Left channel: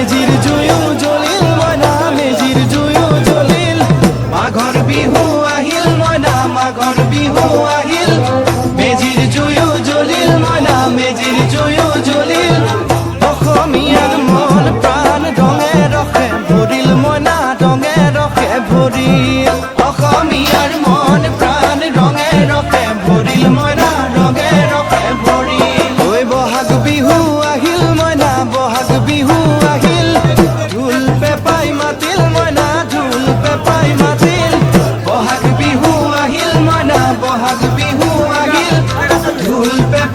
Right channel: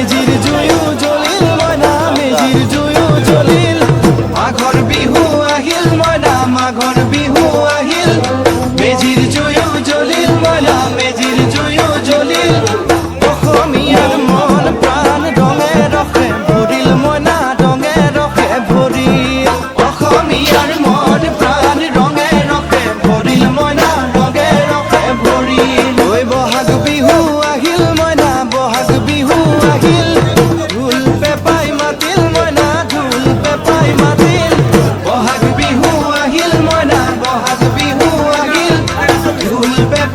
মেজিৰ জুয়ো জ্বলিল মইনা মেজিৰ জুয়ো জ্বলিল মাঘৰ বিহু আহিল মইনা মাঘৰ বিহু আহিল মেজিৰ জুয়ো জ্বলিল মইনা মেজিৰ জুয়ো জ্বলিল অসমীয়াৰ মন প্ৰাণ ৰঙে ৰসে ভৰিল মইনা ৰঙে ৰসে ভৰিল অসমীয়াৰ মন প্ৰাণ ৰঙে ৰসে ভৰিল মইনা ৰঙে ৰসে ভৰিল ঐ বহাগ বিহু আহিল মইনা বহাগ বিহু আহিল ঢোল পেপাই মাতিল মইনা ঢোল পেপাই মাতিল বহাগ বিহু আহিল মইনা বহাগ বিহু আহিল ঢোল পেপাই